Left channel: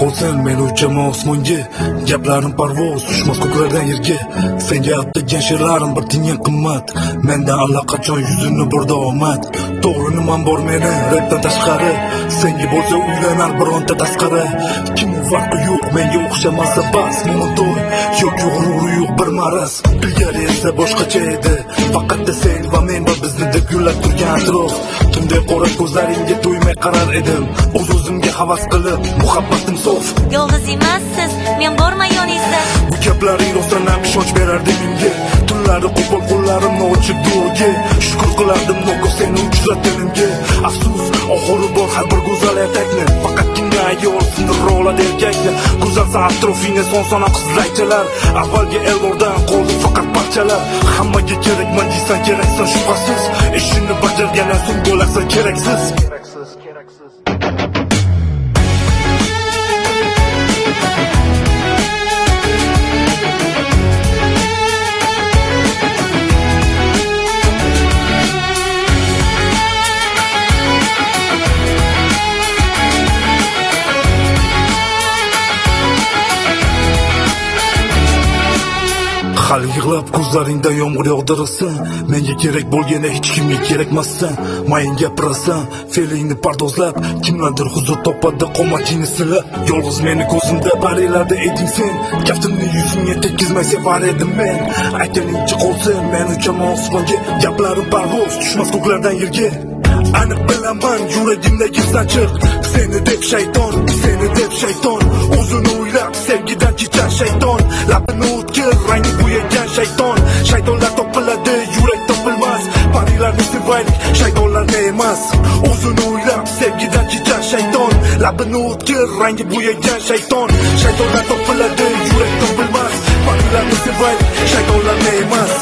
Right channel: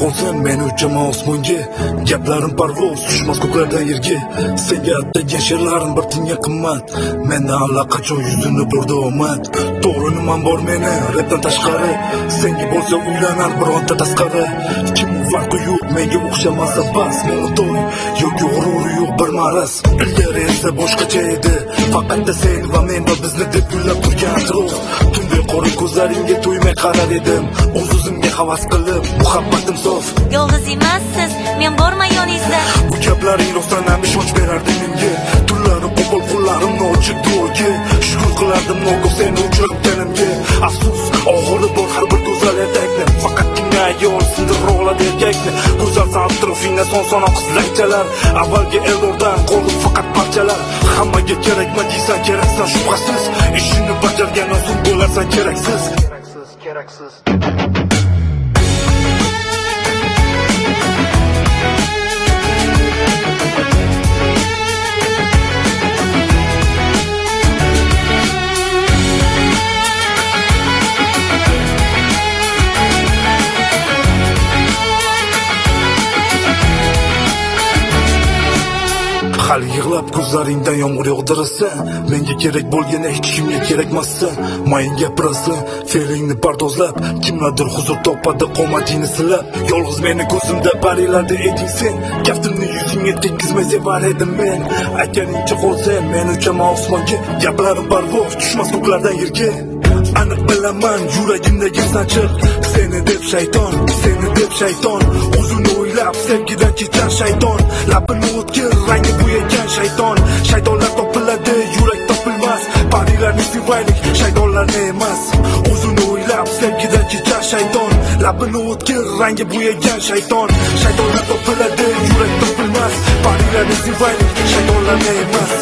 qolsang men uchaman osmonga. Gaplarim parvoz tushmas ko'klardan yerga. Senga atagan she'rlarim bir tiyinga qimmat. Mendan allaqachon yuzimni burdi omad. To'g'ri nimam bor meni rapdan tashqari. Senga bo'lsa uylanar bironta tasqari. Kim farqi yo'q menga o'xshamasa bas. Monoton yo'q g'ururi yo'q bir maraz. Ilgari esa boshqacha edi. Faqat sen va men bizni deb gullab turgan rost. Kimday qora ko'zlaringga to'ymay qarar edim. O'z-o'zimga havas qilib muhabbatim so'z. Yolg'iz emassiz, men borman yoningizda. Bu gaplaring rostdan ishonch berardi menga. Tunlari qo'pol qo'llarimni ochib yo'lga. Shukr qilardim nogoh seni uchratganimga. Afsus, oxiri bor har bir go'zal erkakni. Faqatgina ayol sindirib oladi erkakni. Go'zal atrofingda son-sona qizlaychalar. Avvalgi elbordan qoldi faqat parchalar. Hammaga kerakman deysan, keraksan shubhasiz. Ishini bajargani sud bo'lasan, keraksiz. Keraksiz. Hali yig'lab ko'zlaringdan yomg'ir yog'dirasan. Menga kerak bo'lganda hech kimga kerakmasdan. Mayin gapirasan, fe'lingni pardozlab. Kimlardir huzur topadi qomatingni silab. Yolg'iz meni ko'zimda barilarda eding sen. Kaftimni yuzingga tekkizmay sevar edim men. Aytganingcha qolsang men uchaman osmonga. Gaplarim parvoz tushmas ko'klardan yerga. Aniq bilaman yuragimdagi sanchiq. Seni deb shayton, seni deb shayton. O'zini o'ylab sevgidan ketar shayton. Labini o'tkir rangi bo'yagan shayton. Shaytonlar topiladi, yurak topilmas. Parilarni sevaylik, shaytonlarni emas. O'zini o'ylab sevgidan ketar shayton. Labini o'tkir rangi bo'yagan shayton. Shaytonlar topiladi, yurak topilmas. Parilarni sevaylik, shaytonlarni emas.